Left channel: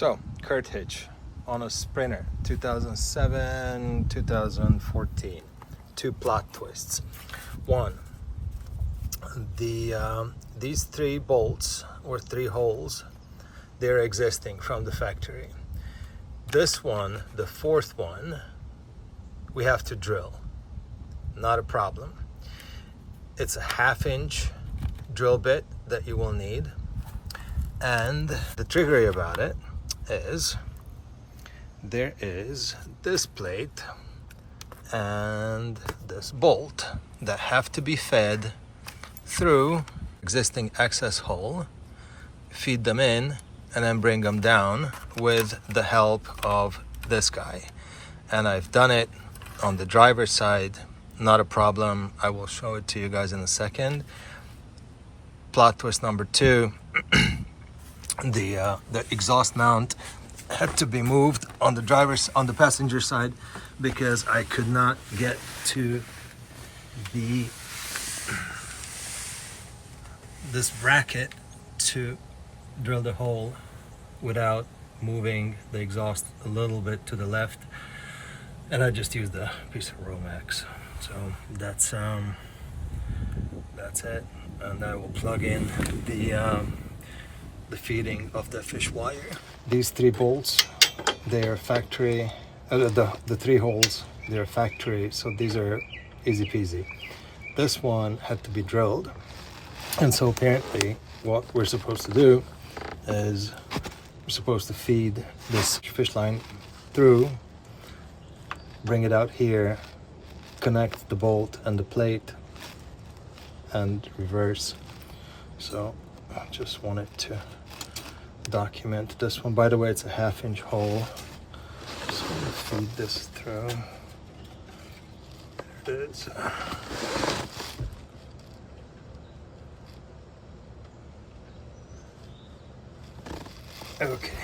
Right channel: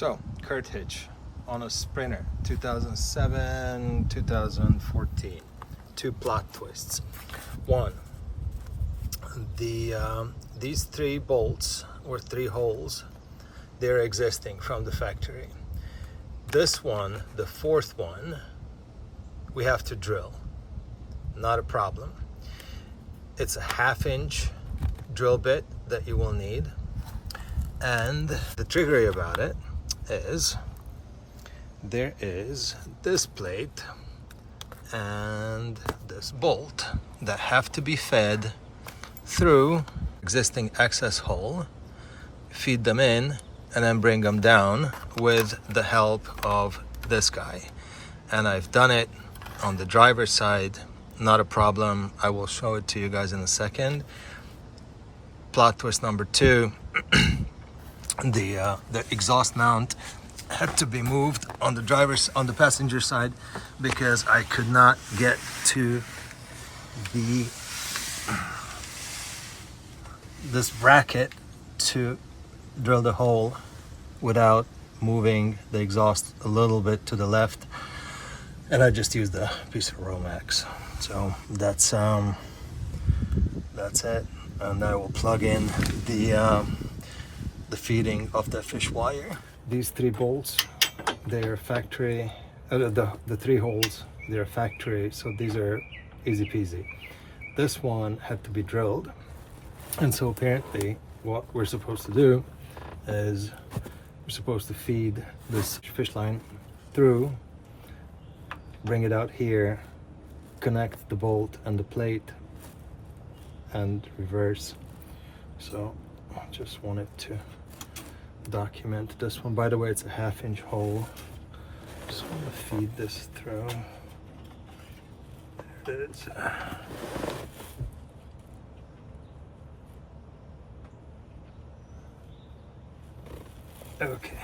So, Curt hitch on a Sprinter 2007, 2014. Two plot twists. One, these three bolts or three holes, they're existing from the factory. This one, the fourth one, we have to drill. Not a problem. It's a 1/2-inch drill bit that you will need. And the trickery about it is there is this plate and this bolt that have to be fed through existing access hole, feed them in, and then bring them down with the help of this guy. And I've done it on the driver's side, not a problem. I will show it to you guys in a second. Plot twist number two, the exhaust mount had to be moved on the passenger side because I could not get to this bracket to drill the hole without moving the exhaust a little bit to the left, and I just used a piece of Romex. So that's it, and I will plug in the feeding of the fish wire. These three bolts, they're factory. The three holes, they're factory, so these are easy peasy. This one had to be drilled, and so apparently what we're supposed to do is we're supposed to feed this fish line through, bring it out here, connect the bolt and the plate, and reverse. So I just wanted to document this one. By the way, it's a 1/2-inch hole. Just want to feed this through. There it is. Okay.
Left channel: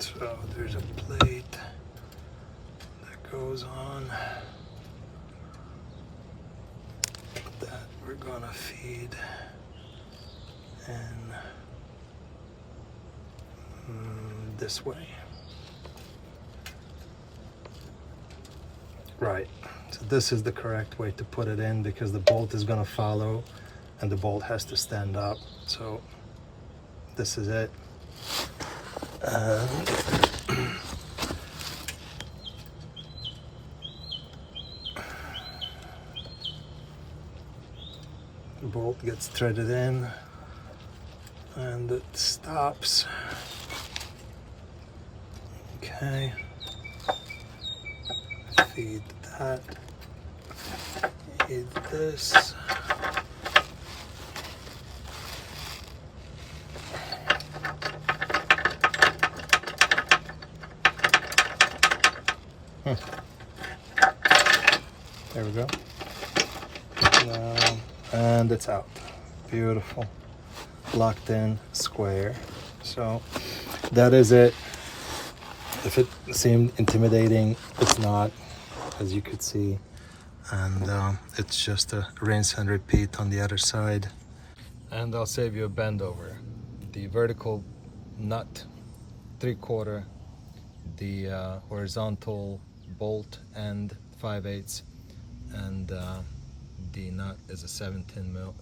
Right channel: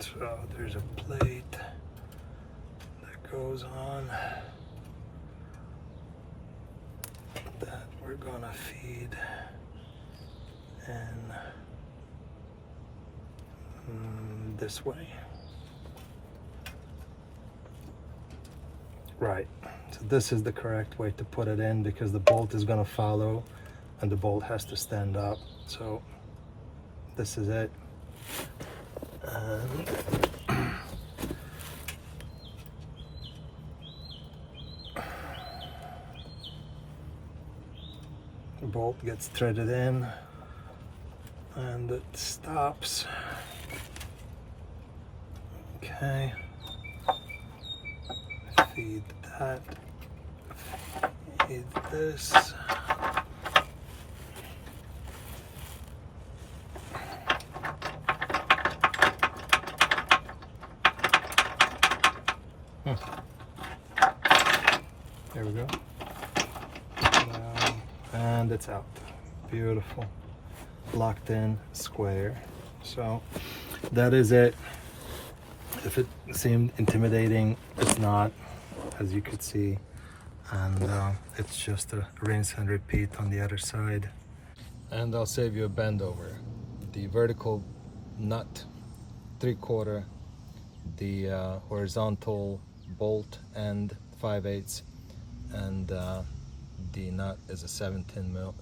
So there's a plate that goes on that we're gonna feed in this way. Right, so this is the correct way to put it in because the bolt is gonna follow and the bolt has to stand up. So this is it. And the bolt gets threaded in and it stops. Okay. Feed that. Feed this. There we go. Now, and it's out. Beautiful. Locked in, square. So that is it. If it seemed intimidating, it's not, as you could see. And it's just a rinse and repeat on the other side. And I'll save you a bend over. The vertical nut 3/4, the horizontal bolt end 5/8, and the nut is a 17 mil.